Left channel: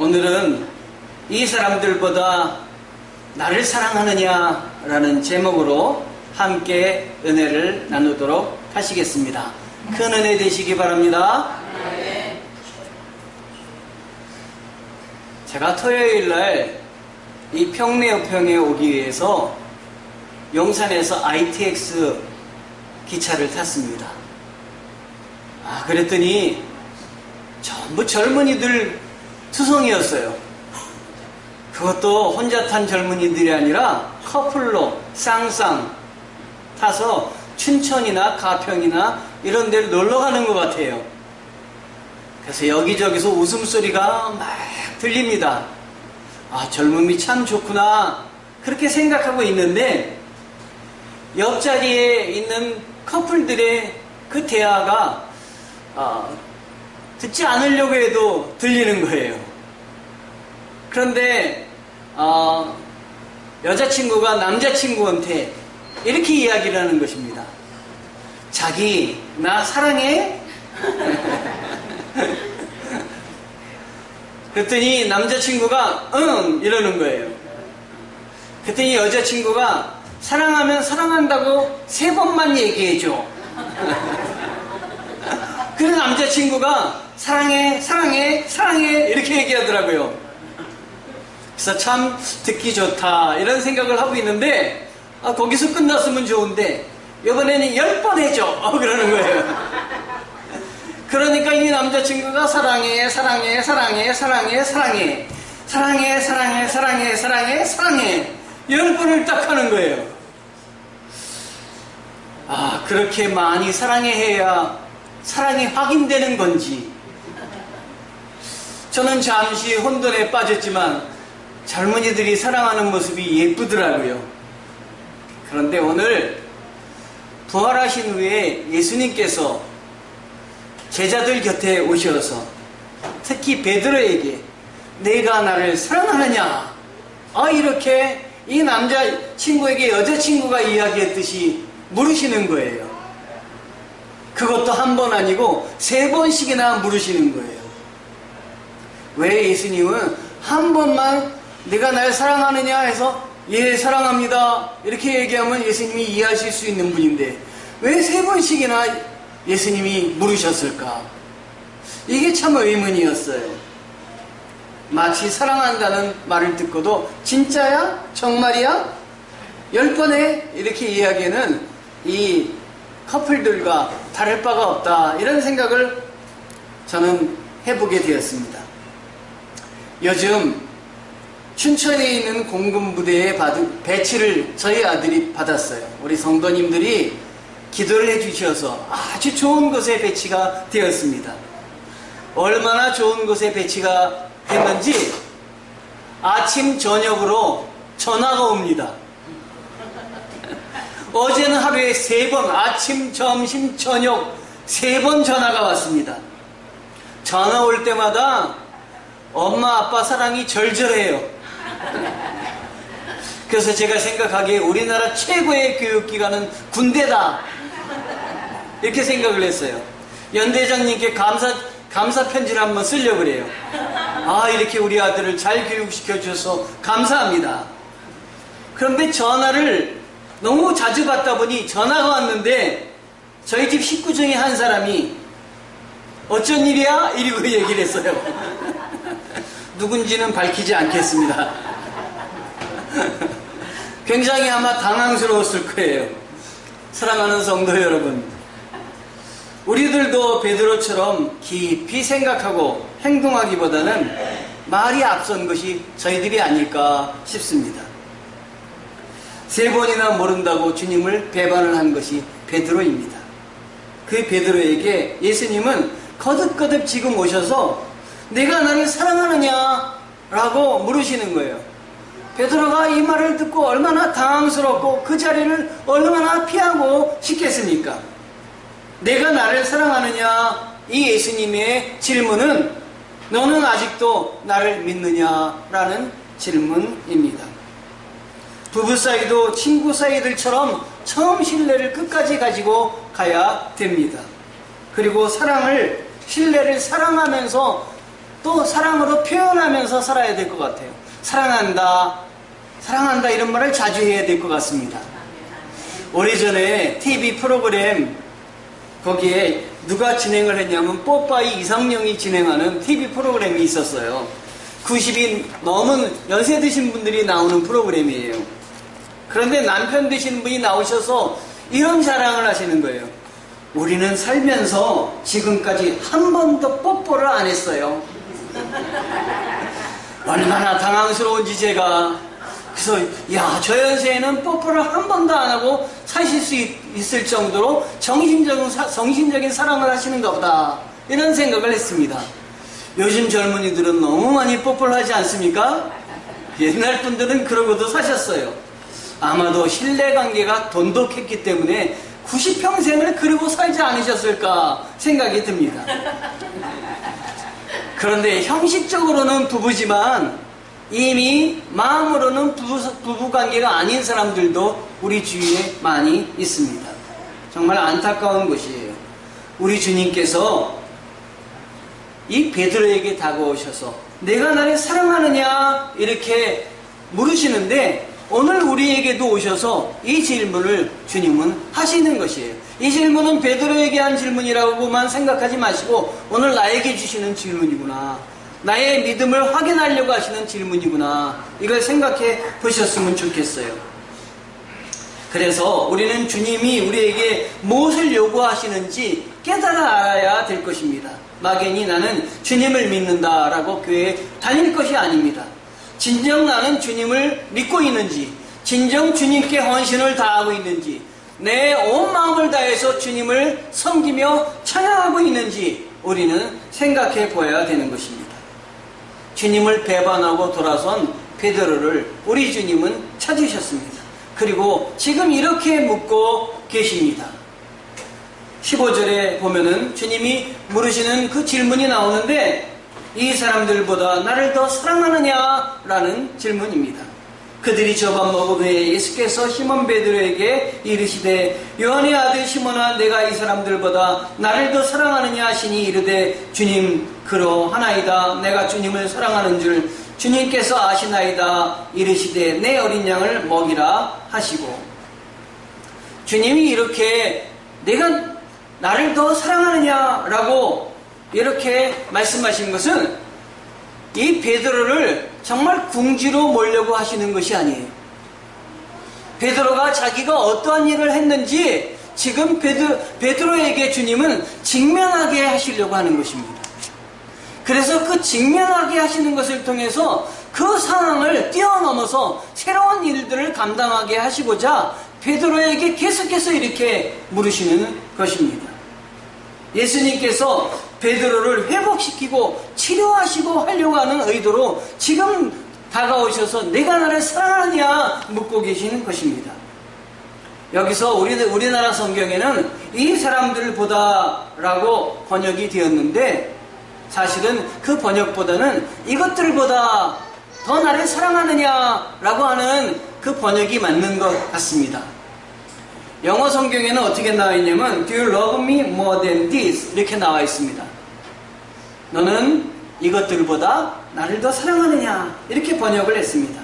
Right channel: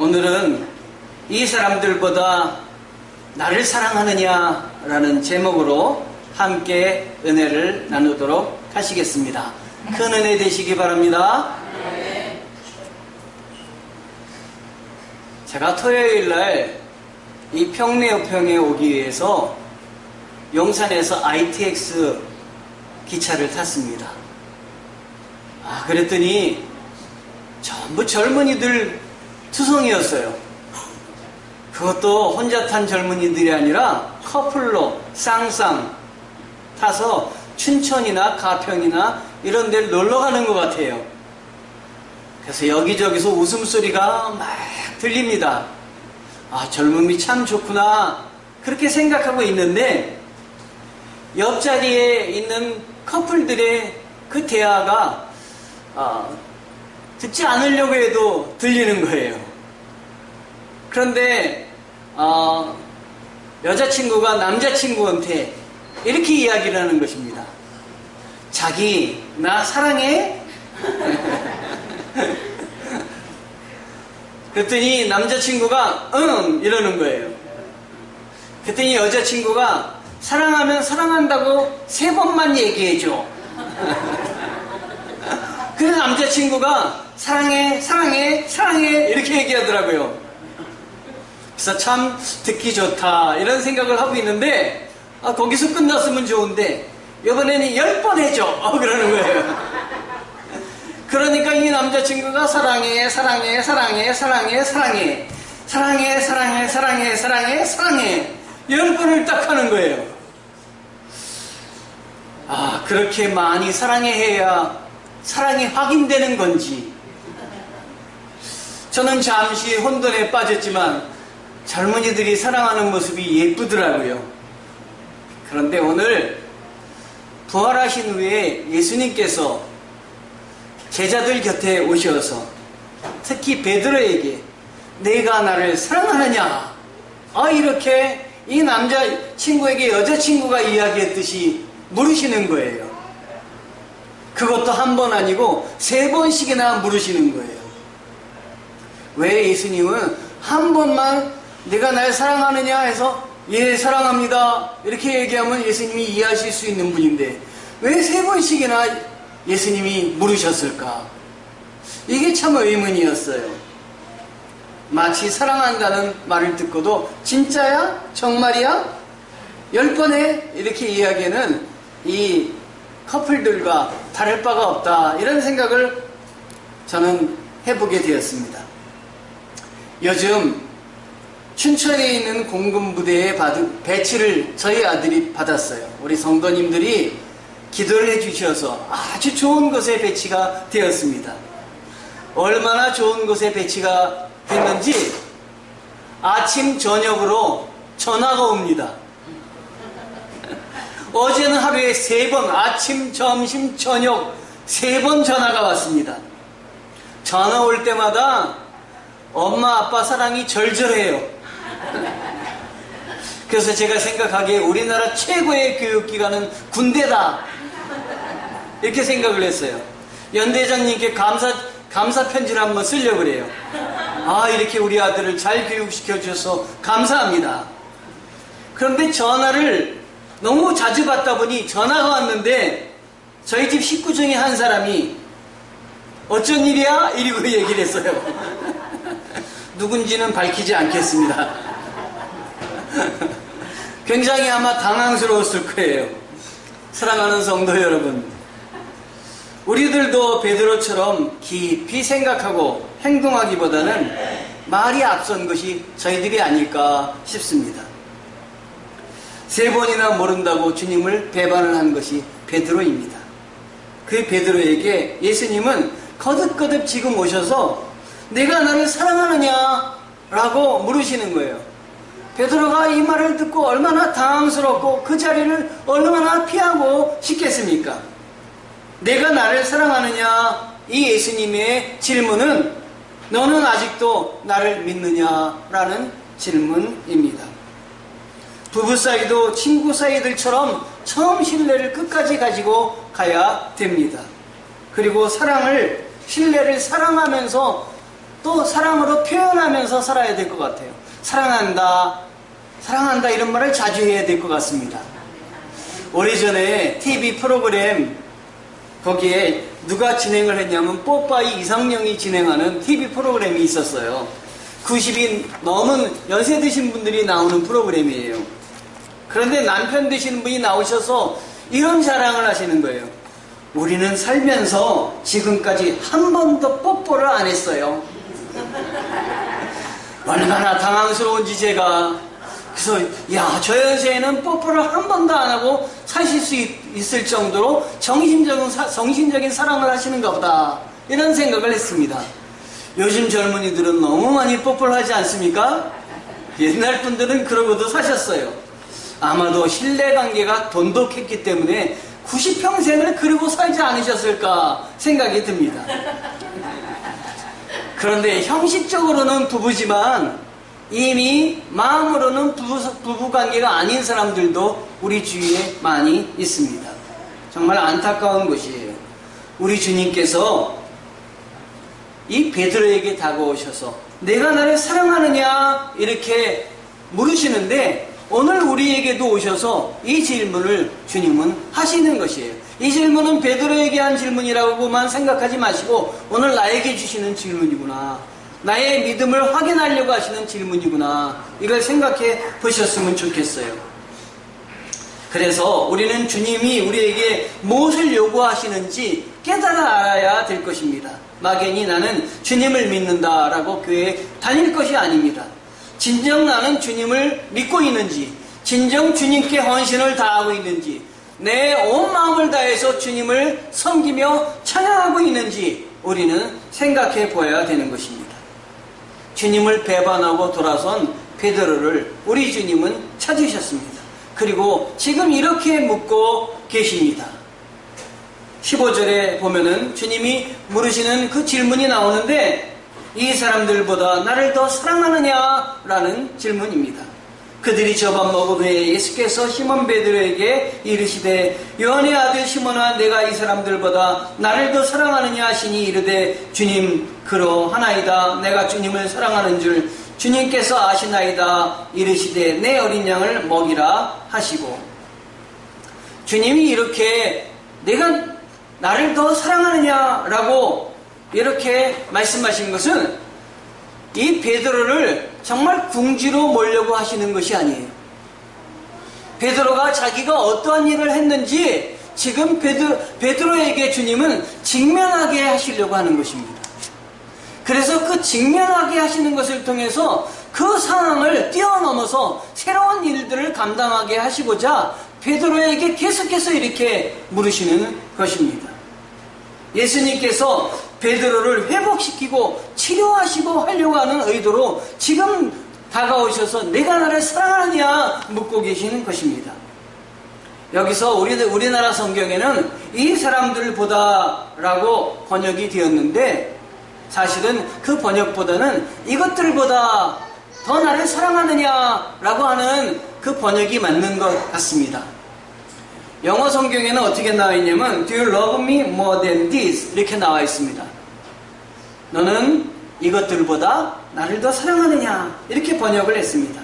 오늘은 이 사람들보다 나를 사랑하느냐라는 제목으로 함께 은혜를 나누도록 하시겠습니다. 큰 은혜 되시기 바랍니다. 제가 토요일날 이 평내여평에 오기 위해서 용산에서 ITX 기차를 탔습니다. 그랬더니 전부 젊은이들 투성이었어요. 그것도 혼자 탄 젊은이들이 아니라 커플로 쌍쌍 타서 춘천이나 가평이나 이런 데를 놀러 가는 것 같아요. 그래서 여기저기서 웃음소리가 막 들립니다. 젊음이 참 좋구나 그렇게 생각하고 있는데 옆자리에 있는 커플들의 그 대화가 듣지 않으려고 해도 들리는 거예요. 그런데 여자친구가 남자친구한테 이렇게 이야기를 하는 것입니다. 자기 나 사랑해? 그랬더니 남자친구가 응 이러는 거예요. 그랬더니 여자친구가 사랑하면 사랑한다고 3번만 얘기해줘. 그래서 남자친구가 사랑해 사랑해 사랑해 이렇게 얘기하더라고요. 그래서 참 듣기 좋다 이런 생각을 하고 있는데 거기서 끝났으면 좋은데 이번에는 10번 해줘 그러는 거예요. 그러니까 이 남자친구가 사랑해 사랑해 사랑해 사랑해 사랑해 사랑해 사랑해 사랑해 사랑해 사랑해 10번을 딱 하는 거예요. 그렇게 많이 사랑해야 사랑이 확인되는 건지. 저는 잠시 혼돈에 빠졌지만 젊은이들이 사랑하는 모습이 예쁘더라고요. 그런데 오늘 부활하신 후에 예수님께서 제자들 곁에 오셔서 특히 베드로에게 내가 나를 사랑하느냐 이렇게 이 남자친구에게 여자친구가 이야기했듯이 물으시는 거예요. 그것도 한 번 아니고 3번씩이나 물으시는 거예요. 왜 예수님은 한 번만 내가 날 사랑하느냐 해서 예 사랑합니다 이렇게 얘기하면 예수님이 이해하실 수 있는 분인데 왜 3번씩이나 예수님이 물으셨을까? 이게 참 의문이었어요. 마치 사랑한다는 말을 듣고도 진짜야? 정말이야? 10번에 이렇게 이야기하는 이 커플들과 다를 바가 없다 이런 생각을 저는 해보게 되었습니다. 요즘 춘천에 있는 공군부대에 받은 배치를 저희 아들이 받았어요. 우리 성도님들이 기도를 해주셔서 아주 좋은 곳에 배치가 되었습니다. 얼마나 좋은 곳에 배치가 됐는지 아침 저녁으로 전화가 옵니다. 어제는 하루에 3번 아침 점심 저녁 3번 전화가 왔습니다. 전화 올 때마다 엄마 아빠 사랑이 절절해요. 그래서 제가 생각하기에 우리나라 최고의 교육기관은 군대다 이렇게 생각을 했어요. 연대장님께 감사 편지를 한번 쓰려고 그래요. 이렇게 우리 아들을 잘 교육시켜 주셔서 감사합니다. 그런데 전화를 너무 자주 받다 보니 전화가 왔는데 저희 집 식구 중에 한 사람이 어쩐 일이야? 이러고 얘기를 했어요. 누군지는 밝히지 않겠습니다. 굉장히 아마 당황스러웠을 거예요. 사랑하는 성도 여러분, 우리들도 베드로처럼 깊이 생각하고 행동하기보다는 말이 앞선 것이 저희들이 아닐까 싶습니다. 3번이나 모른다고 주님을 배반을 한 것이 베드로입니다. 그 베드로에게 예수님은 거듭거듭 지금 오셔서 내가 나를 사랑하느냐 라고 물으시는 거예요. 베드로가 이 말을 듣고 얼마나 당황스럽고 그 자리를 얼마나 피하고 싶겠습니까? 내가 나를 사랑하느냐 이 예수님의 질문은 너는 아직도 나를 믿느냐라는 질문입니다. 부부 사이도 친구 사이들처럼 처음 신뢰를 끝까지 가지고 가야 됩니다. 그리고 신뢰를 사랑하면서 또 사랑으로 표현하면서 살아야 될 것 같아요. 사랑한다, 사랑한다 이런 말을 자주 해야 될 것 같습니다. 오래전에 TV 프로그램 거기에 누가 진행을 했냐면 뽀빠이 이상령이 진행하는 TV 프로그램이 있었어요. 90이 넘은 연세 드신 분들이 나오는 프로그램이에요. 그런데 남편 되시는 분이 나오셔서 이런 자랑을 하시는 거예요. 우리는 살면서 지금까지 한 번도 뽀뽀를 안 했어요. 얼마나 당황스러운지 제가. 그래서 야, 저 연세에는 뽀뽀를 한 번도 안 하고 사실 수 있을 정도로 정신적인 사랑을 하시는가 보다, 이런 생각을 했습니다. 요즘 젊은이들은 너무 많이 뽀뽀를 하지 않습니까? 옛날 분들은 그러고도 사셨어요. 아마도 신뢰관계가 돈독했기 때문에 90평생을 그러고 살지 않으셨을까 생각이 듭니다. 그런데 형식적으로는 부부지만 이미 마음으로는 부부관계가 아닌 사람들도 우리 주위에 많이 있습니다. 정말 안타까운 것이에요. 우리 주님께서 이 베드로에게 다가오셔서 내가 나를 사랑하느냐 이렇게 물으시는데, 오늘 우리에게도 오셔서 이 질문을 주님은 하시는 것이에요. 이 질문은 베드로에게 한 질문이라고만 생각하지 마시고 오늘 나에게 주시는 질문이구나, 나의 믿음을 확인하려고 하시는 질문이구나, 이걸 생각해 보셨으면 좋겠어요. 그래서 우리는 주님이 우리에게 무엇을 요구하시는지 깨달아 알아야 될 것입니다. 막연히 나는 주님을 믿는다라고 교회에 다닐 것이 아닙니다. 진정 나는 주님을 믿고 있는지, 진정 주님께 헌신을 다하고 있는지, 내 온 마음을 다해서 주님을 섬기며 찬양하고 있는지 우리는 생각해 보아야 되는 것입니다. 주님을 배반하고 돌아선 베드로를 우리 주님은 찾으셨습니다. 그리고 지금 이렇게 묻고 계십니다. 15절에 보면은 주님이 물으시는 그 질문이 나오는데, 이 사람들보다 나를 더 사랑하느냐? 라는 질문입니다. 그들이 저 밥 먹은 후에 예수께서 시몬 베드로에게 이르시되 요한의 아들 시몬아, 내가 이 사람들보다 나를 더 사랑하느냐 하시니 이르되 주님 그러하나이다. 내가 주님을 사랑하는 줄 주님께서 아시나이다. 이르시되 내 어린 양을 먹이라 하시고, 주님이 이렇게 내가 나를 더 사랑하느냐라고 이렇게 말씀하신 것은 이 베드로를 정말 궁지로 몰려고 하시는 것이 아니에요. 베드로가 자기가 어떠한 일을 했는지 지금 베드로에게 주님은 직면하게 하시려고 하는 것입니다. 그래서 그 직면하게 하시는 것을 통해서 그 상황을 뛰어넘어서 새로운 일들을 감당하게 하시고자 베드로에게 계속해서 이렇게 물으시는 것입니다. 예수님께서 베드로를 회복시키고 치료하시고 하려고 하는 의도로 지금 다가오셔서 내가 나를 사랑하느냐 묻고 계시는 것입니다. 여기서 우리나라 성경에는 이 사람들보다 라고 번역이 되었는데, 사실은 그 번역보다는 이것들보다 더 나를 사랑하느냐 라고 하는 그 번역이 맞는 것 같습니다. 영어 성경에는 어떻게 나와 있냐면 Do you love me more than this? 이렇게 나와 있습니다. 너는 이것들보다 나를 더 사랑하느냐, 이렇게 번역을 했습니다.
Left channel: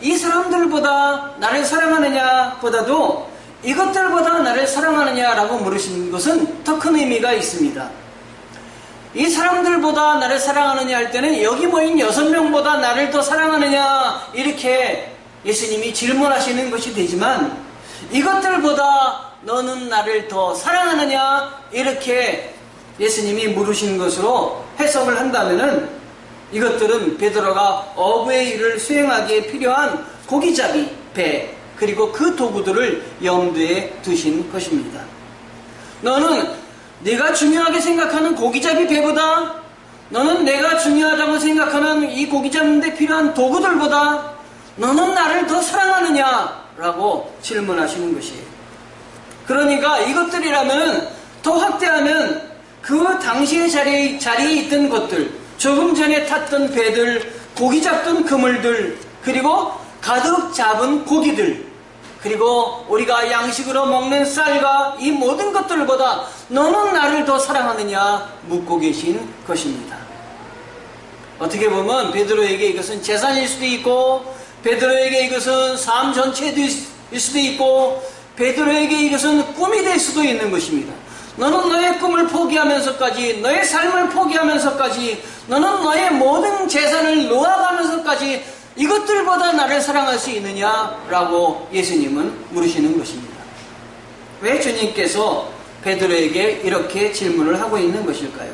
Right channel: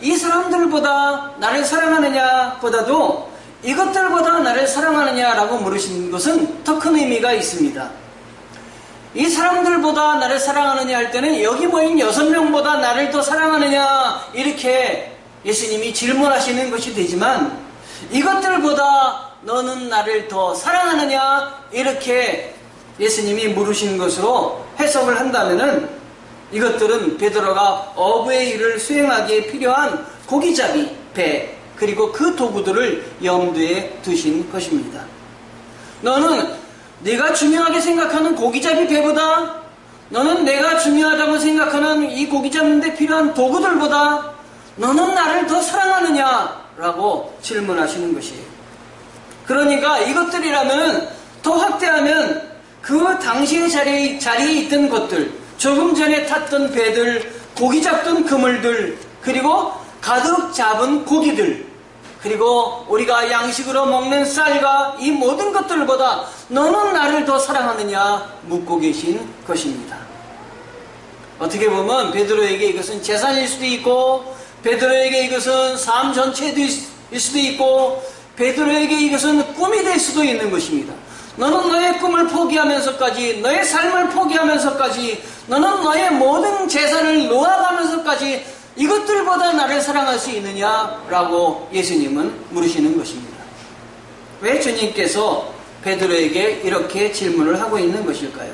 이 사람들보다 나를 사랑하느냐 보다도 이것들보다 나를 사랑하느냐라고 물으신 것은 더 큰 의미가 있습니다. 이 사람들보다 나를 사랑하느냐 할 때는 여기 모인 6명보다 나를 더 사랑하느냐 이렇게 예수님이 질문하시는 것이 되지만, 이것들보다 너는 나를 더 사랑하느냐 이렇게 예수님이 물으신 것으로 해석을 한다면은, 이것들은 베드로가 어부의 일을 수행하기에 필요한 고기잡이, 배, 그리고 그 도구들을 염두에 두신 것입니다. 너는 네가 중요하게 생각하는 고기잡이 배보다, 너는 내가 중요하다고 생각하는 이 고기 잡는 데 필요한 도구들보다 너는 나를 더 사랑하느냐? 라고 질문하시는 것이에요. 그러니까 이것들이라면 더 확대하면 그 당시의 자리에 있던 것들, 조금 전에 탔던 배들, 고기 잡던 그물들, 그리고 가득 잡은 고기들, 그리고 우리가 양식으로 먹는 쌀과 이 모든 것들보다 너는 나를 더 사랑하느냐 묻고 계신 것입니다. 어떻게 보면 베드로에게 이것은 재산일 수도 있고, 베드로에게 이것은 삶 전체일 수도 있고, 베드로에게 이것은 꿈이 될 수도 있는 것입니다. 너는 너의 꿈을 포기하면서까지, 너의 삶을 포기하면서까지, 너는 너의 모든 재산을 놓아가면서까지 이것들보다 나를 사랑할 수 있느냐라고 예수님은 물으시는 것입니다. 왜 주님께서 베드로에게 이렇게 질문을 하고 있는 것일까요?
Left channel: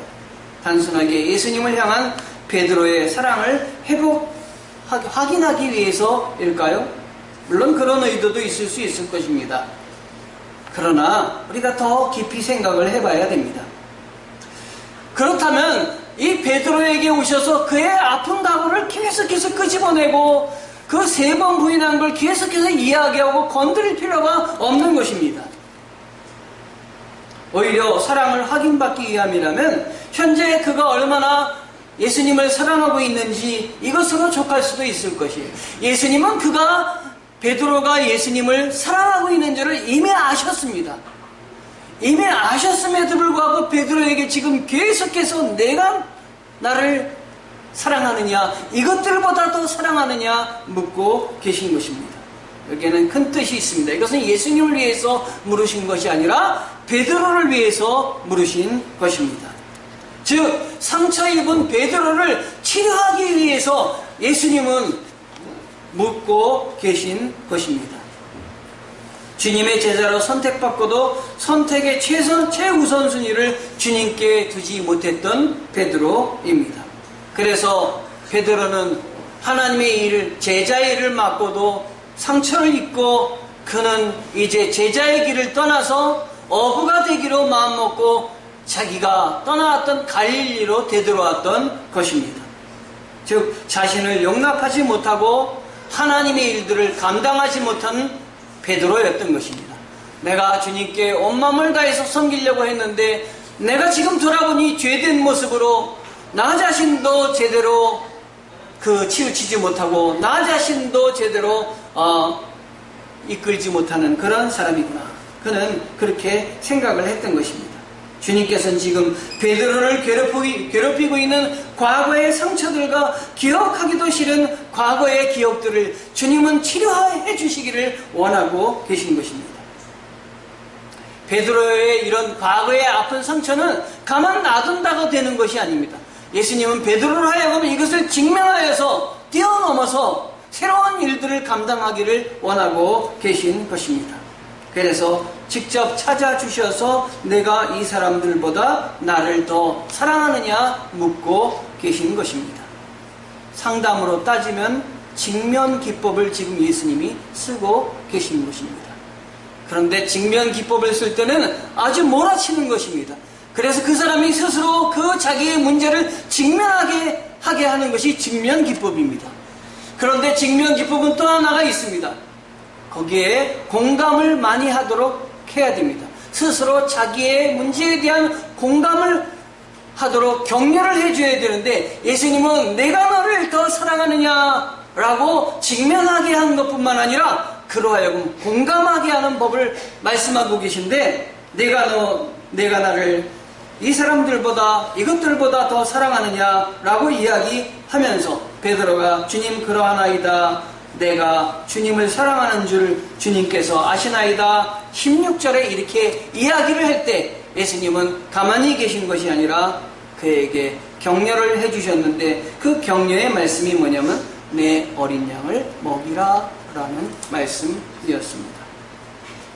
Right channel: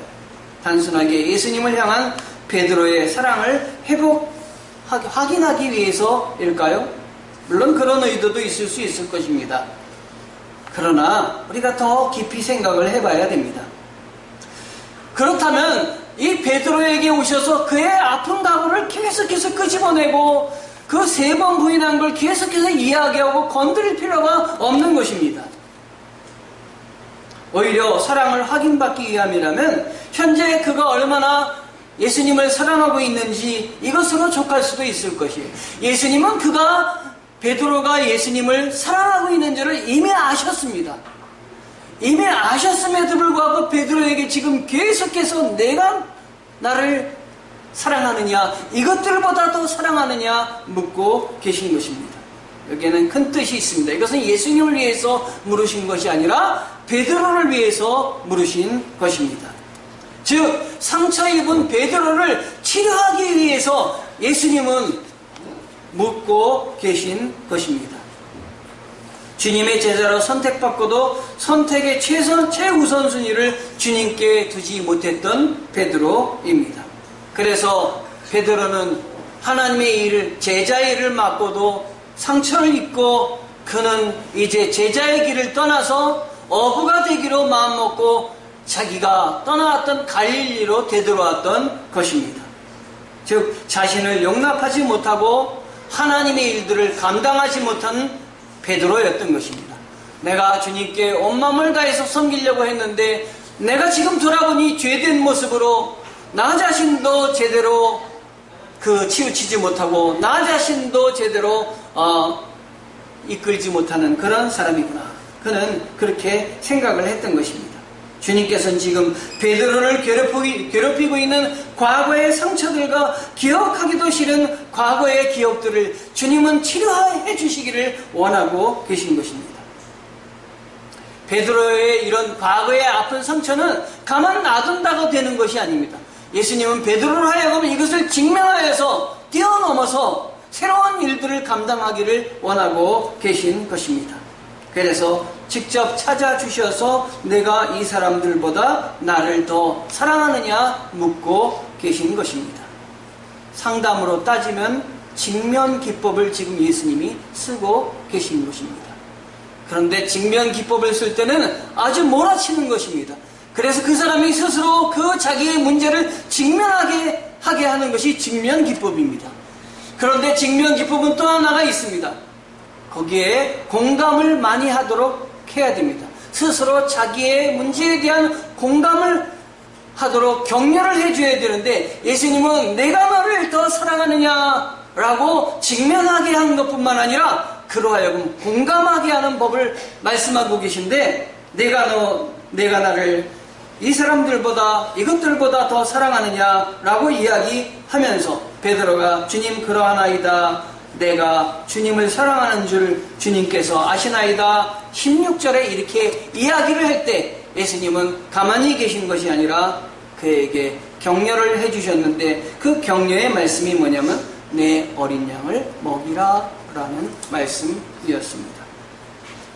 단순하게 예수님을 향한 베드로의 사랑을 확인하기 위해서일까요? 물론 그런 의도도 있을 수 있을 것입니다. 그러나 우리가 더 깊이 생각을 해봐야 됩니다. 그렇다면 이 베드로에게 오셔서 그의 아픈 각오를 계속해서 끄집어내고 그 3번 부인한 걸 계속해서 이야기하고 건드릴 필요가 없는 것입니다. 오히려 사랑을 확인받기 위함이라면 현재 그가 얼마나 예수님을 사랑하고 있는지 이것으로 족할 수도 있을 것이에요. 예수님은 베드로가 예수님을 사랑하고 있는 줄을 이미 아셨습니다. 이미 아셨음에도 불구하고 베드로에게 지금 계속해서 내가 나를 사랑하느냐, 이것들보다 더 사랑하느냐 묻고 계신 것입니다. 여기에는 큰 뜻이 있습니다. 이것은 예수님을 위해서 물으신 것이 아니라 베드로를 위해서 물으신 것입니다. 즉 상처 입은 베드로를 치료하기 위해서 예수님은 묻고 계신 것입니다. 주님의 제자로 선택받고도 선택의 최우선순위를 주님께 두지 못했던 베드로입니다. 그래서 베드로는 하나님의 일을, 제자의 일을 맡고도 상처를 입고 그는 이제 제자의 길을 떠나서 어부가 되기로 마음먹고 자기가 떠나왔던 갈릴리로 되돌아왔던 것입니다. 즉 자신을 용납하지 못하고 하나님의 일들을 감당하지 못한 베드로였던 것입니다. 내가 주님께 온 마음을 다해서 섬기려고 했는데 내가 지금 돌아보니 죄된 모습으로 나 자신도 제대로 치우치지 못하고 나 자신도 제대로 이끌지 못하는 그런 사람이구나. 그는 그렇게 생각을 했던 것입니다. 주님께서는 지금 베드로를 괴롭히고 있는 과거의 상처들과 기억하기도 싫은 과거의 기억들을 주님은 치료해 주시기를 원하고 계신 것입니다. 베드로의 이런 과거의 아픈 상처는 가만 놔둔다고 되는 것이 아닙니다. 예수님은 베드로로 하여금 이것을 직면하여서 뛰어넘어서 새로운 일들을 감당하기를 원하고 계신 것입니다. 그래서 직접 찾아주셔서 내가 이 사람들보다 나를 더 사랑하느냐 묻고 계신 것입니다. 상담으로 따지면 직면 기법을 지금 예수님이 쓰고 계신 것입니다. 그런데 직면 기법을 쓸 때는 아주 몰아치는 것입니다. 그래서 그 사람이 스스로 그 자기의 문제를 직면하게 하게 하는 것이 직면 기법입니다. 그런데 직면 기법은 또 하나가 있습니다. 거기에 공감을 많이 하도록 해야 됩니다. 스스로 자기의 문제에 대한 공감을 하도록 격려를 해줘야 되는데 예수님은 내가 너를 더 사랑하느냐라고 직면하게 하는 것뿐만 아니라 그로 하여금 공감하게 하는 법을 말씀하고 계신데 내가 나를 이 사람들보다 이것들보다 더 사랑하느냐라고 이야기하면서 베드로가 주님 그러하나이다 내가 주님을 사랑하는 줄 주님께서 아시나이다 16절에 이렇게 이야기를 할 때 예수님은 가만히 계신 것이 아니라 그에게 격려를 해주셨는데 그 격려의 말씀이 뭐냐면 내 어린 양을 먹이라 라는 말씀이었습니다.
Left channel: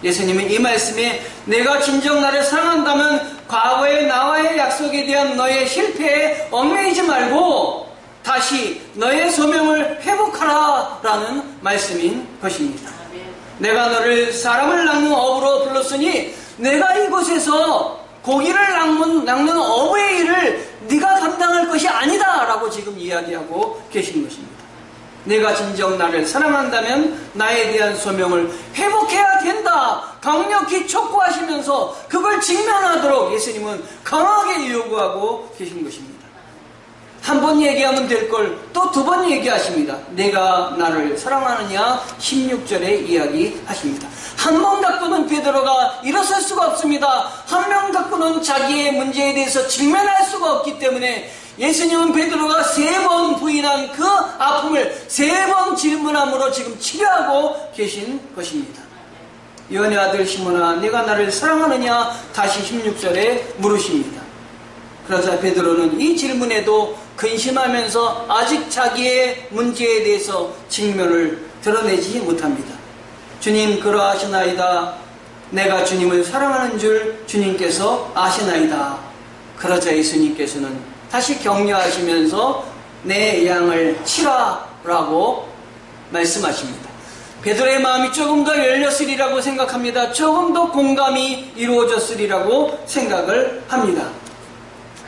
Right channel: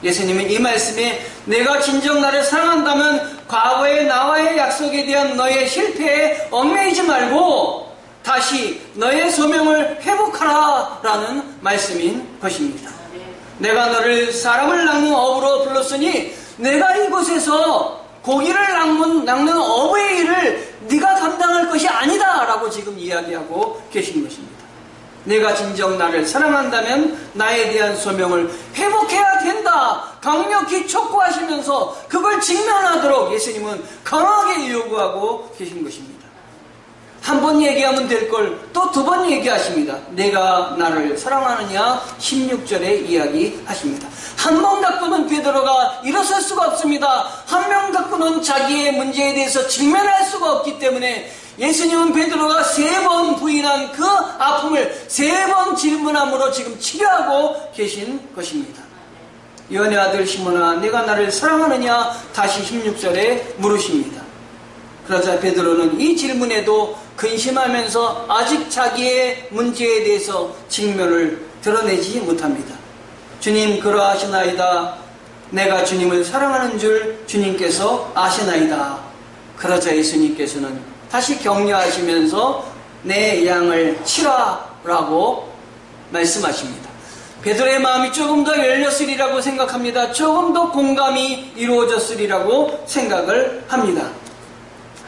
예수님은 이 말씀에 내가 진정 나를 사랑한다면 과거의 나와의 약속에 대한 너의 실패에 얽매이지 말고 다시 너의 소명을 회복하라 라는 말씀인 것입니다. 내가 너를 사람을 낚는 어부로 불렀으니 내가 이곳에서 고기를 낚는 어부의 일을 네가 감당할 것이 아니다 라고 지금 이야기하고 계신 것입니다. 내가 진정 나를 사랑한다면 나에 대한 소명을 회복해야 된다 강력히 촉구하시면서 그걸 직면하도록 예수님은 강하게 요구하고 계신 것입니다. 한 번 얘기하면 될 걸 또 두 번 얘기하십니다. 내가 나를 사랑하느냐 16절에 이야기하십니다. 한 번 갖고는 베드로가 일어설 수가 없습니다. 한 명 갖고는 자기의 문제에 대해서 직면할 수가 없기 때문에 예수님은 베드로가 3번 부인한 그 아픔을 3번 질문함으로 지금 치료하고 계신 것입니다. 요한의 아들 시몬아, 내가 나를 사랑하느냐? 다시 16절에 물으십니다. 그러자 베드로는 이 질문에도 근심하면서 아직 자기의 문제에 대해서 직면을 드러내지 못합니다. 주님, 그러하시나이다. 내가 주님을 사랑하는 줄 주님께서 아시나이다. 그러자 예수님께서는 다시 격려하시면서 내 양을 치라라고 말씀하십니다. 베드로의 마음이 조금 더 열렸으리라고 생각합니다. 조금 더 공감이 이루어졌으리라고 생각을 합니다.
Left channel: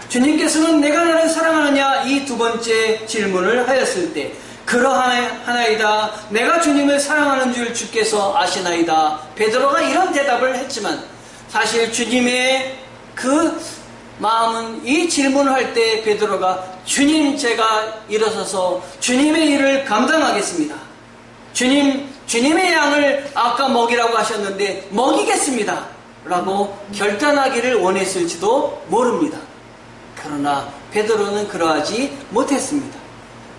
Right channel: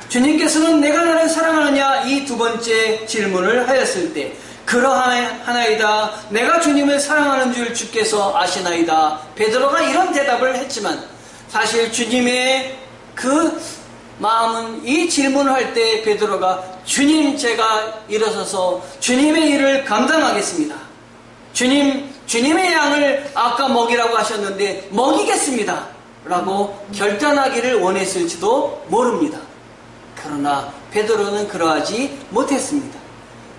주님께서는 내가 나를 사랑하느냐 이 두 번째 질문을 하였을 때 그러하나이다. 내가 주님을 사랑하는 줄 주께서 아시나이다. 베드로가 이런 대답을 했지만 사실 주님의 그 마음은 이 질문을 할 때 베드로가 주님, 제가 일어서서 주님의 일을 감당하겠습니다. 주님의 양을 아까 먹이라고 하셨는데 먹이겠습니다. 라고 결단하기를 원했을지도 모릅니다. 그러나 베드로는 그러하지 못했습니다.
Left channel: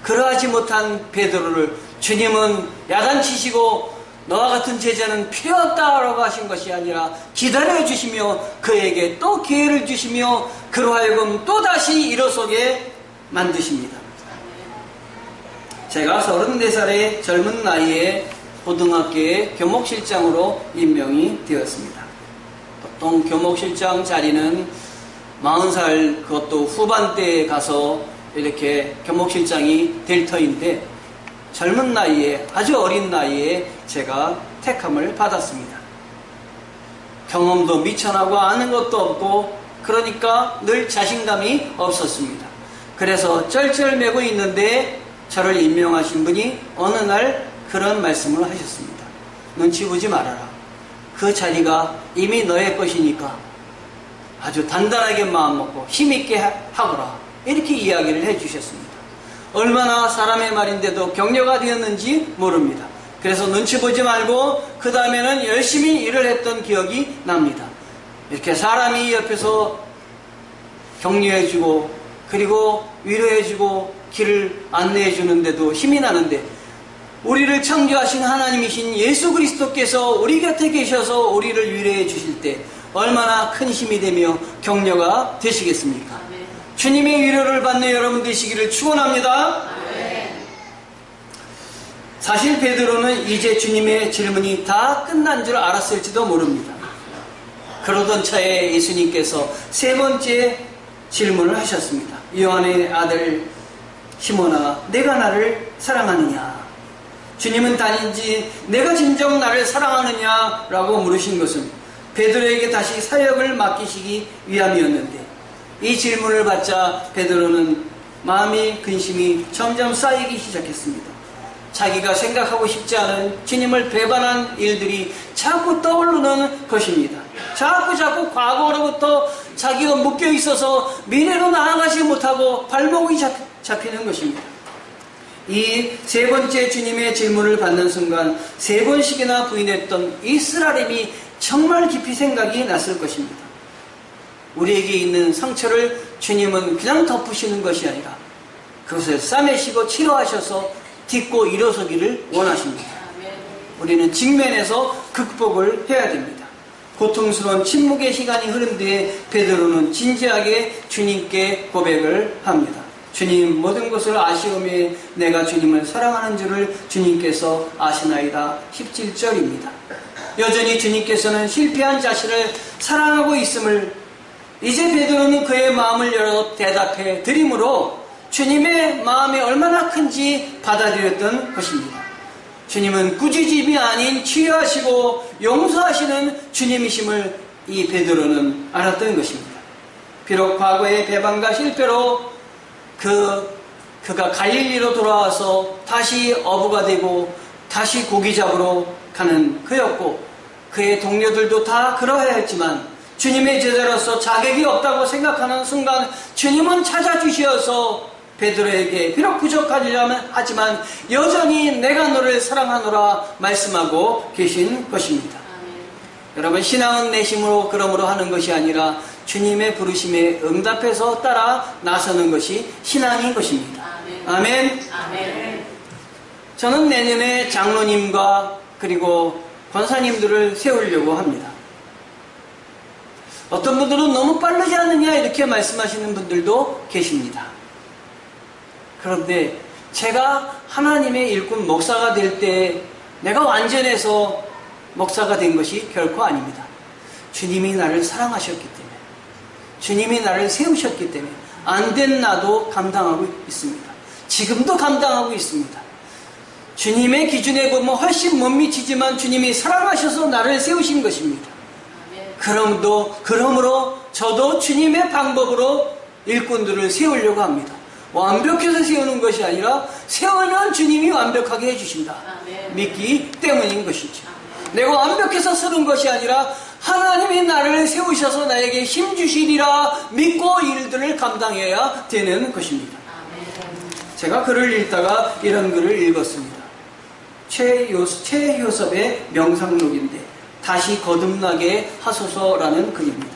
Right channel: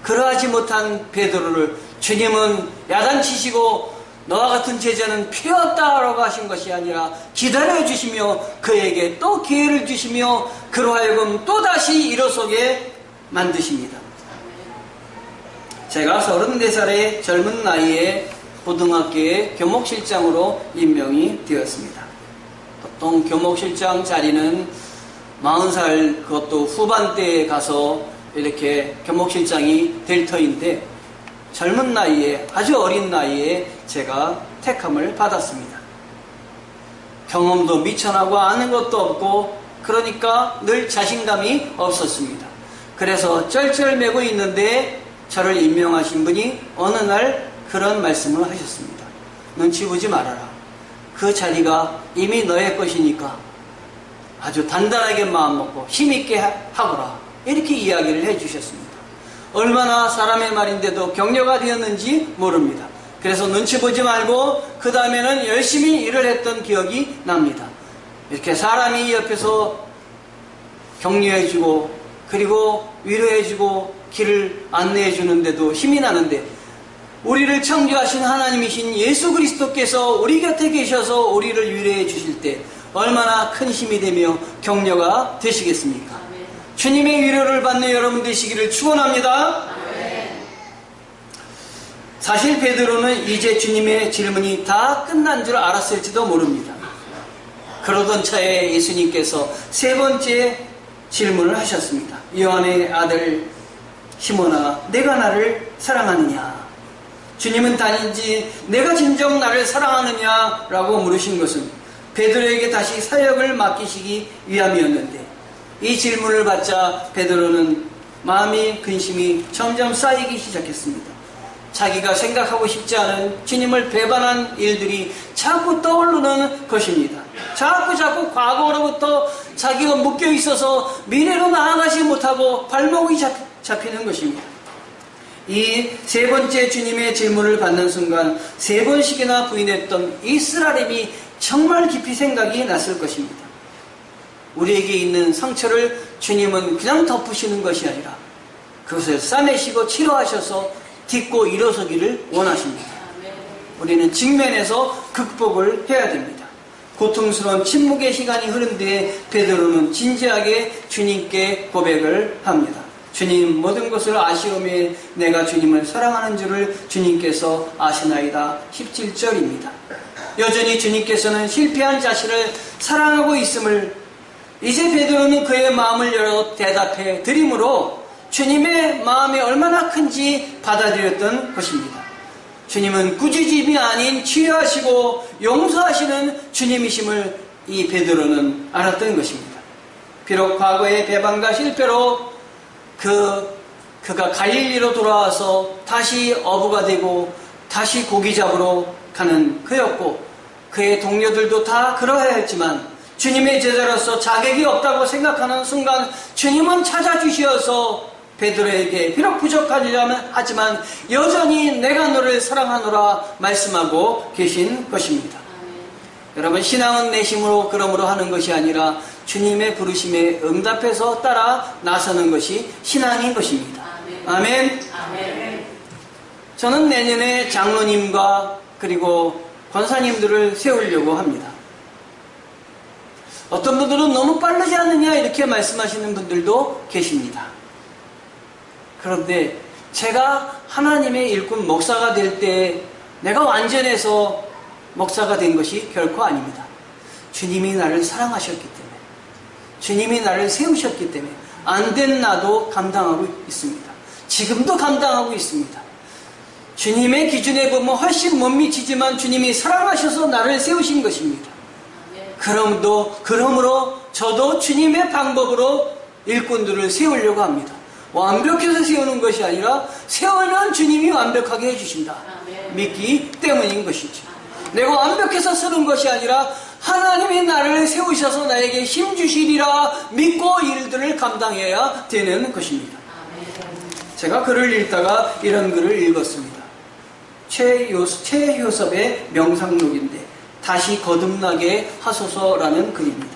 그러하지 못한 베드로를 주님은 야단치시고 너와 같은 제자는 필요 없다라고 하신 것이 아니라 기다려주시며 그에게 또 기회를 주시며 그로 하여금 또다시 일어서게 만드십니다. 제가 34살의 젊은 나이에 고등학교의 교목실장으로 임명이 되었습니다. 보통 교목실장 자리는 40살 그것도 후반대에 가서 이렇게 교목실장이 될 터인데 젊은 나이에 아주 어린 나이에 제가 택함을 받았습니다. 경험도 미천하고 아는 것도 없고 그러니까 늘 자신감이 없었습니다. 그래서 쩔쩔매고 있는데 저를 임명하신 분이 어느 날 그런 말씀을 하셨습니다. 눈치 보지 말아라. 그 자리가 이미 너의 것이니까 아주 단단하게 마음먹고 힘있게 하거라. 이렇게 이야기를 해주셨습니다. 얼마나 사람의 말인데도 격려가 되었는지 모릅니다. 그래서 눈치 보지 말고 그 다음에는 열심히 일을 했던 기억이 납니다. 이렇게 사람이 옆에서 격려해주고 그리고 위로해주고 길을 안내해주는데도 힘이 나는데 우리를 창조하신 하나님이신 예수 그리스도께서 우리 곁에 계셔서 우리를 위로해 주실 때 얼마나 큰 힘이 되며 격려가 되시겠습니까? 아멘. 주님의 위로를 받는 여러분 되시기를 축원합니다. 사실 베드로는 이제 주님의 질문이 다 끝난 줄 알았을지도 모릅니다. 그러던 차에 예수님께서 3번째 질문을 하셨습니다. 요한의 아들 시몬아, 내가 나를 사랑하느냐? 주님은 단지 내가 진정 나를 사랑하느냐라고 물으신 것은 베드로에게 다시 사역을 맡기시기 위함이었는데 이 질문을 받자 베드로는 마음의 근심이 점점 쌓이기 시작했습니다. 자기가 생각하고 싶지 않은 주님을 배반한 일들이 자꾸 떠오르는 것입니다. 자꾸 과거로부터 자기가 묶여 있어서 미래로 나아가지 못하고 발목이 잡히는 것입니다. 이 3번째 주님의 질문을 받는 순간 3번씩이나 부인했던 이 쓰라림이 정말 깊이 생각이 났을 것입니다. 우리에게 있는 상처를 주님은 그냥 덮으시는 것이 아니라 그것을 싸매시고 치료하셔서 딛고 일어서기를 원하십니다. 우리는 직면해서 극복을 해야 됩니다. 고통스러운 침묵의 시간이 흐른 뒤에 베드로는 진지하게 주님께 고백을 합니다. 주님, 모든 것을 아시오매 내가 주님을 사랑하는 줄을 주님께서 아시나이다. 17절입니다. 여전히 주님께서는 실패한 자신을 사랑하고 있음을 이제 베드로는 그의 마음을 열어 대답해 드림으로 주님의 마음이 얼마나 큰지 받아들였던 것입니다. 주님은 꾸짖음이 아닌 치유하시고 용서하시는 주님이심을 이 베드로는 알았던 것입니다. 비록 과거의 배반과 실패로 그가 갈릴리로 돌아와서 다시 어부가 되고 다시 고기 잡으러 가는 그였고 그의 동료들도 다 그러해야 했지만 주님의 제자로서 자격이 없다고 생각하는 순간 주님은 찾아주셔서 베드로에게 비록 부족하지만 여전히 내가 너를 사랑하노라 말씀하고 계신 것입니다. 여러분, 신앙은 내심으로 그러므로 하는 것이 아니라 주님의 부르심에 응답해서 따라 나서는 것이 신앙인 것입니다. 아멘. 아멘. 저는 내년에 장로님과 그리고 권사님들을 세우려고 합니다. 어떤 분들은 너무 빠르지 않느냐 이렇게 말씀하시는 분들도 계십니다. 그런데 제가 하나님의 일꾼 목사가 될 때 내가 완전해서 목사가 된 것이 결코 아닙니다. 주님이 나를 사랑하셨기 때문에, 주님이 나를 세우셨기 때문에 안 된 나도 감당하고 있습니다. 지금도 감당하고 있습니다. 주님의 기준에 보면 훨씬 못 미치지만 주님이 사랑하셔서 나를 세우신 것입니다. 그러므로 저도 주님의 방법으로 일꾼들을 세우려고 합니다. 완벽해서 세우는 것이 아니라 세우면 주님이 완벽하게 해주신다. 믿기 때문인 것이죠. 내가 완벽해서 쓰는 것이 아니라 하나님이 나를 세우셔서 나에게 힘 주시리라 믿고 일들을 감당해야 되는 것입니다. 제가 글을 읽다가 이런 글을 읽었습니다. 최효섭의 명상록인데 다시 거듭나게 하소서라는 글입니다.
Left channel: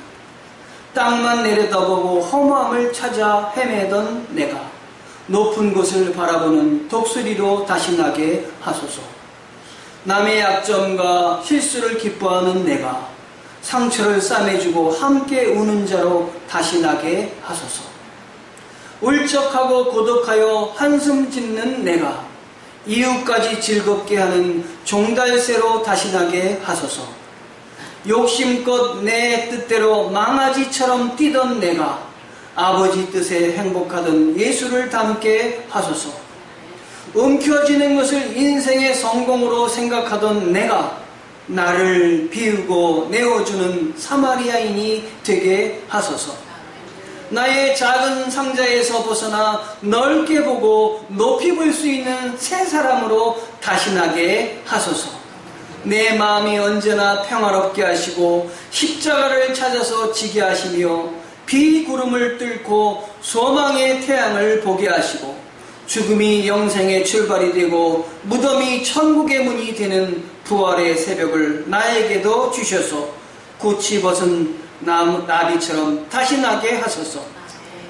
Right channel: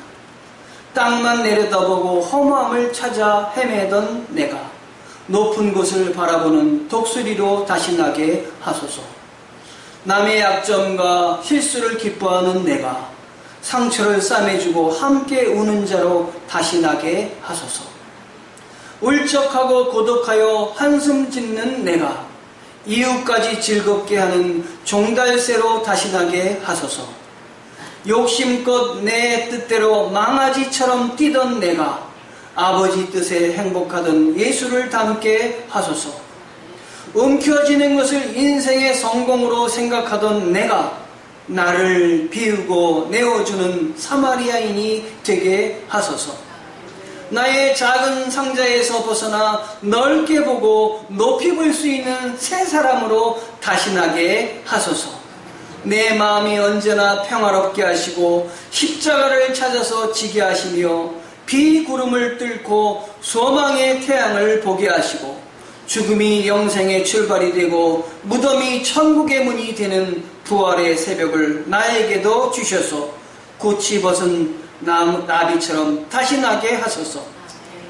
땅만 내려다보고 허무함을 찾아 헤매던 내가 높은 곳을 바라보는 독수리로 다시 나게 하소서. 남의 약점과 실수를 기뻐하는 내가 상처를 싸매주고 함께 우는 자로 다시 나게 하소서. 울적하고 고독하여 한숨 짓는 내가 이웃까지 즐겁게 하는 종달새로 다시 나게 하소서. 욕심껏 내 뜻대로 망아지처럼 뛰던 내가 아버지 뜻에 행복하던 예수를 닮게 하소서. 움켜쥐는 것을 인생의 성공으로 생각하던 내가 나를 비우고 내어주는 사마리아인이 되게 하소서. 나의 작은 상자에서 벗어나 넓게 보고 높이 볼 수 있는 새 사람으로 다시 나게 하소서. 내 마음이 언제나 평화롭게 하시고 십자가를 찾아서 지게 하시며 비구름을 뚫고 소망의 태양을 보게 하시고 죽음이 영생의 출발이 되고 무덤이 천국의 문이 되는 부활의 새벽을 나에게도 주셔서 고치 벗은 나비처럼 다시 나게 하소서.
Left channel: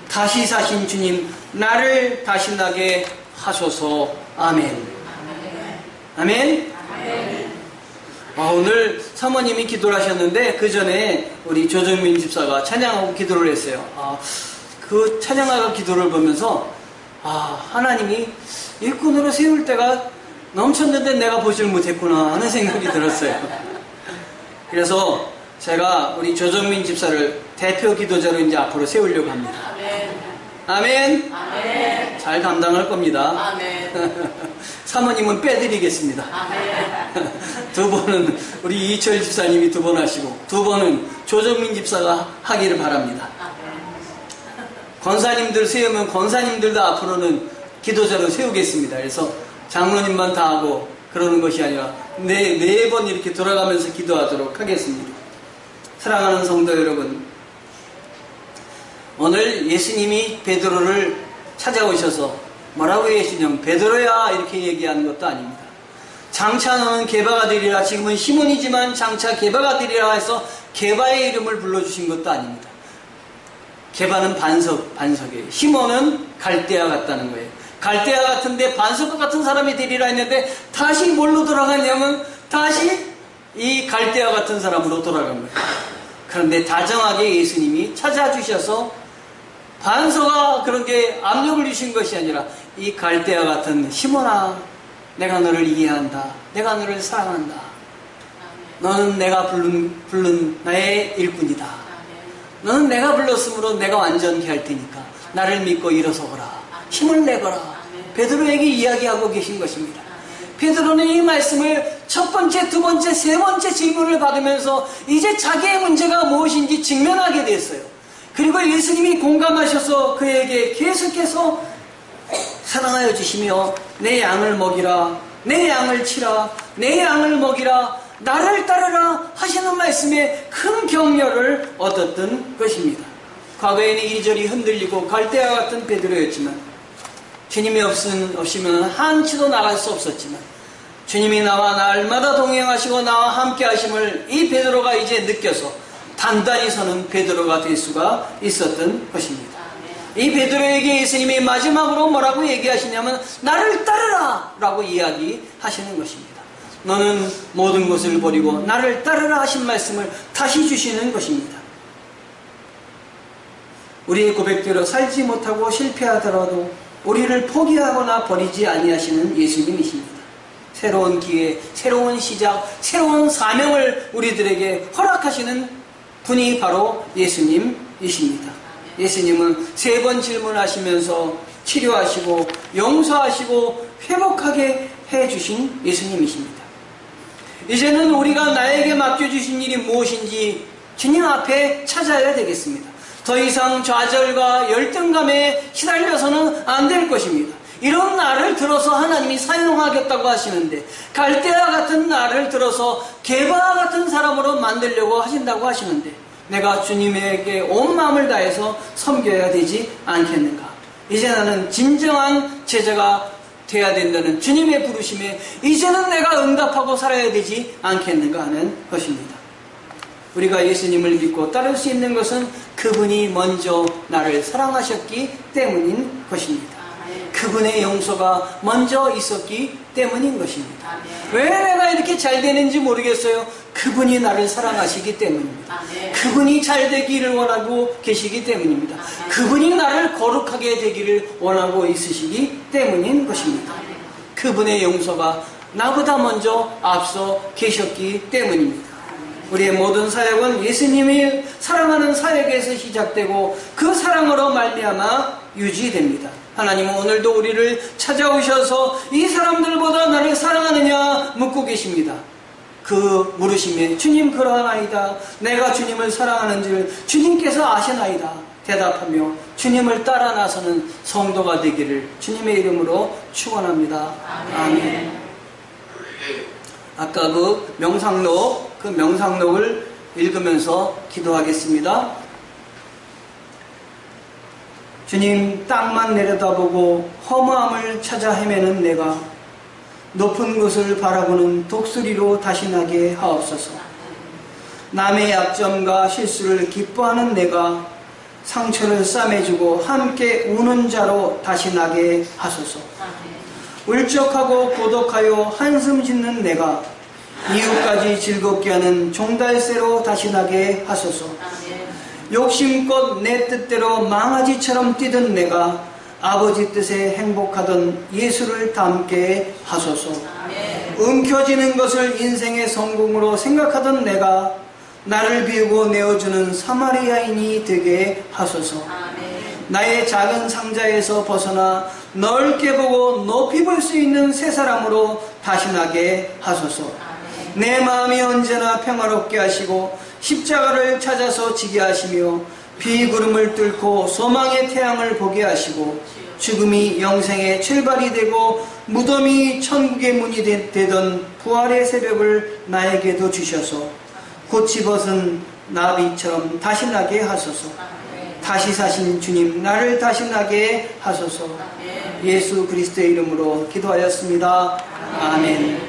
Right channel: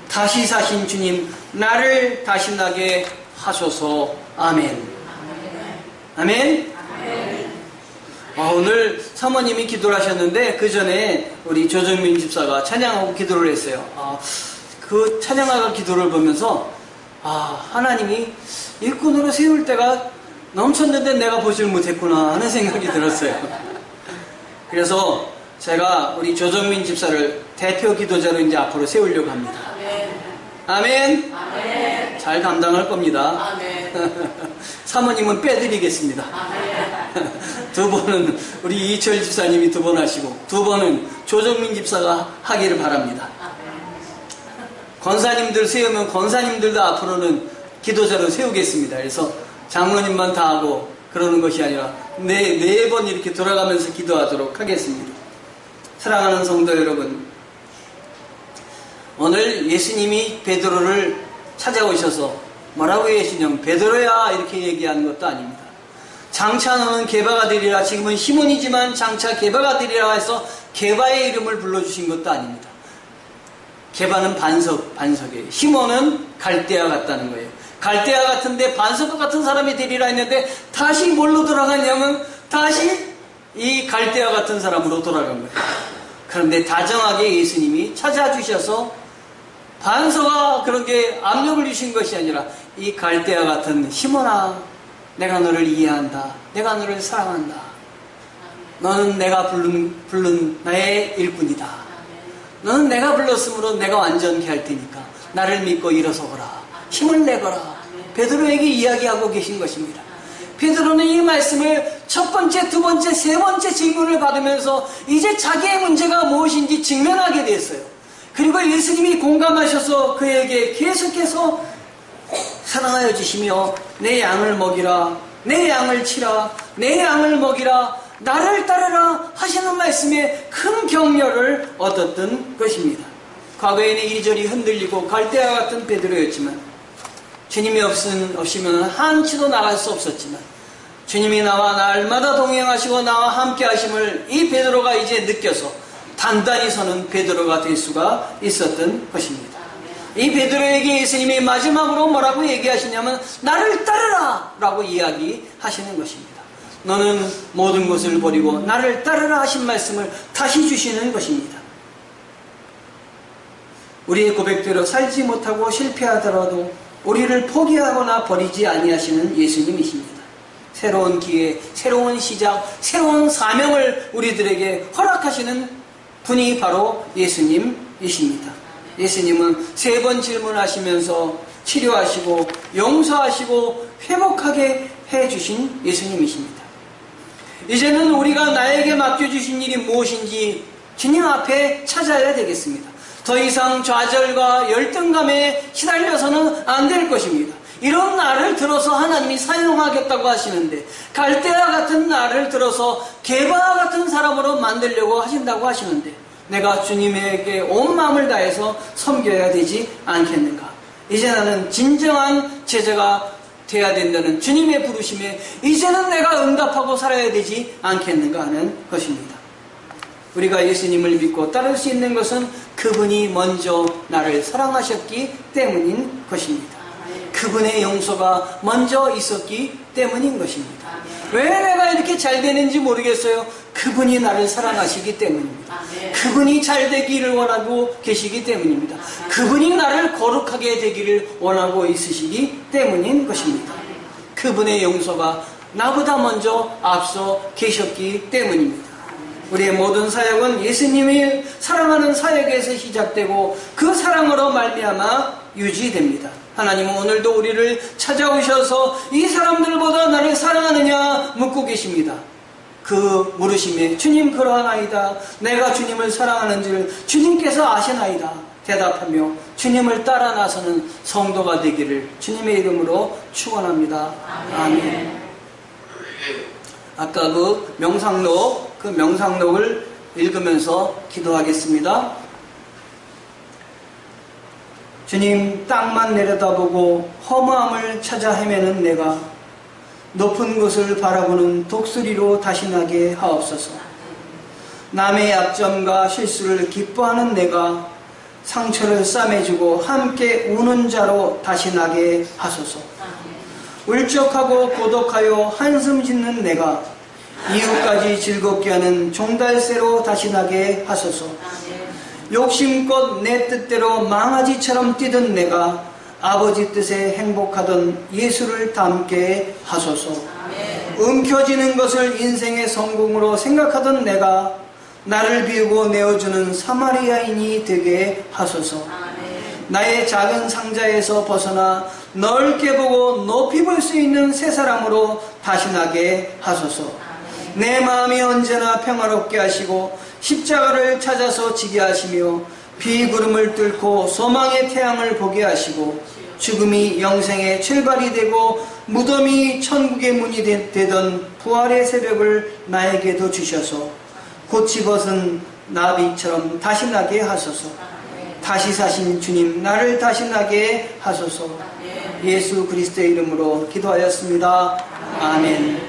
다시 사신 주님, 나를 다시 나게 하소서. 아멘. 아멘. 오늘 사모님이 기도를 하셨는데 그 전에 우리 조정민 집사가 찬양하고 기도를 했어요. 그 찬양하고 기도를 보면서 하나님이 일꾼으로 세울 때가 넘쳤는데 내가 보질 못했구나 하는 생각이 들었어요. 그래서 제가 우리 조정민 집사를 대표 기도자로 이제 앞으로 세우려고 합니다. 아멘. 아멘. 잘 감당할 겁니다. 아멘. 사모님은 빼드리겠습니다. 아멘. 두 번은 우리 이철 집사님이 두 번 하시고 두 번은 조정민 집사가 하기를 바랍니다. 권사님들 세우면 권사님들도 앞으로는 기도자로 세우겠습니다. 그래서 장로님만 다 하고 그러는 것이 아니라 네 번 이렇게 돌아가면서 기도하도록 하겠습니다. 사랑하는 성도 여러분, 오늘 예수님이 베드로를 찾아오셔서 뭐라고 예수님 베드로야 이렇게 얘기한 것도 아닙니다. 장차 너는 게바가 되리라. 지금은 시몬이지만 장차 게바가 되리라 해서 게바의 이름을 불러주신 것도 아닙니다. 게바는 반석이에요. 시몬은 갈대아 같다는 거예요. 갈대아 같은데 반석과 같은 사람이 되리라 했는데 다시 뭘로 돌아갔냐면 다시 이 갈대아 같은 사람으로 돌아간 거예요. 그런데 다정하게 예수님이 찾아주셔서 반석아 그런 게 압력을 주신 것이 아니라 이 갈대아 같은 시몬아, 내가 너를 이해한다. 내가 너를 사랑한다. 너는 내가 부른 나의 일꾼이다. 너는 내가 불렀으므로 내가 완전케 할 테니까 나를 믿고 일어서거라. 힘을 내거라. 베드로에게 이야기하고 계신 것입니다. 베드로는 이 말씀을 첫 번째, 두 번째, 세 번째 질문을 받으면서 이제 자기의 문제가 무엇인지 직면하게 됐어요. 그리고 예수님이 공감하셔서 그에게 계속해서 사랑하여 주시며 내 양을 먹이라, 내 양을 치라, 내 양을 먹이라, 나를 따르라 하시는 말씀에 큰 격려를 얻었던 것입니다. 과거에는 이리저리 흔들리고 갈대아 같은 베드로였지만 주님이 없으면 한치도 나갈 수 없었지만 주님이 나와 날마다 동행하시고 나와 함께 하심을 이 베드로가 이제 느껴서 단단히 서는 베드로가 될 수가 있었던 것입니다. 이 베드로에게 예수님이 마지막으로 뭐라고 얘기하시냐면 나를 따르라 라고 이야기하시는 것입니다. 너는 모든 것을 버리고 나를 따르라 하신 말씀을 다시 주시는 것입니다. 우리의 고백대로 살지 못하고 실패하더라도 우리를 포기하거나 버리지 아니하시는 예수님이십니다. 새로운 기회, 새로운 시작, 새로운 사명을 우리들에게 허락하시는 분이 바로 예수님이십니다. 예수님은 3번 질문하시면서 치료하시고 용서하시고 회복하게 해주신 예수님이십니다. 이제는 우리가 나에게 맡겨주신 일이 무엇인지 주님 앞에 찾아야 되겠습니다. 더 이상 좌절과 열등감에 시달려서는 안 될 것입니다. 이런 나를 들어서 하나님이 사용하겠다고 하시는데 갈대아 같은 나를 들어서 게바 같은 사람으로 만들려고 하신다고 하시는데 내가 주님에게 온 마음을 다해서 섬겨야 되지 않겠는가? 이제 나는 진정한 제자가 돼야 된다는 주님의 부르심에 이제는 내가 응답하고 살아야 되지 않겠는가 하는 것입니다. 우리가 예수님을 믿고 따를 수 있는 것은 그분이 먼저 나를 사랑하셨기 때문인 것입니다. 그분의 용서가 먼저 있었기 때문인 것입니다. 왜 내가 이렇게 잘 되는지 모르겠어요. 그분이 나를 사랑하시기 때문입니다. 그분이 잘 되기를 원하고 계시기 때문입니다. 그분이 나를 거룩하게 되기를 원하고 있으시기 때문인 것입니다. 그분의 용서가 나보다 먼저 앞서 계셨기 때문입니다. 우리의 모든 사역은 예수님이 사랑하는 사역에서 시작되고 그 사랑으로 말미암아 유지됩니다. 하나님은 오늘도 우리를 찾아오셔서 이 사람들보다 나를 사랑하느냐 묻고 계십니다. 그 물으심에 주님 그러하나이다. 내가 주님을 사랑하는 줄 주님께서 아시나이다. 대답하며 주님을 따라 나서는 성도가 되기를 주님의 이름으로 축원합니다. 아멘. 아까 그 명상록을 읽으면서 기도하겠습니다. 주님, 땅만 내려다보고 허무함을 찾아 헤매는 내가 높은 곳을 바라보는 독수리로 다시 나게 하옵소서. 남의 약점과 실수를 기뻐하는 내가 상처를 싸매주고 함께 우는 자로 다시 나게 하소서. 울적하고 고독하여 한숨 짓는 내가 이웃까지 즐겁게 하는 종달새로 다시 나게 하소서. 욕심껏 내 뜻대로 망아지처럼 뛰던 내가 아버지 뜻에 행복하던 예수를 닮게 하소서. 움켜쥐는 것을 인생의 성공으로 생각하던 내가 나를 비우고 내어주는 사마리아인이 되게 하소서. 나의 작은 상자에서 벗어나 넓게 보고 높이 볼 수 있는 새 사람으로 다시 나게 하소서. 내 마음이 언제나 평화롭게 하시고 십자가를 찾아서 지게 하시며 비구름을 뚫고 소망의 태양을 보게 하시고 죽음이 영생의 출발이 되고 무덤이 천국의 문이 되던 부활의 새벽을 나에게도 주셔서 고치 벗은 나비처럼 다시 나게 하소서. 다시 사신 주님, 나를 다시 나게 하소서. 예수 그리스도의 이름으로 기도하였습니다. 아멘.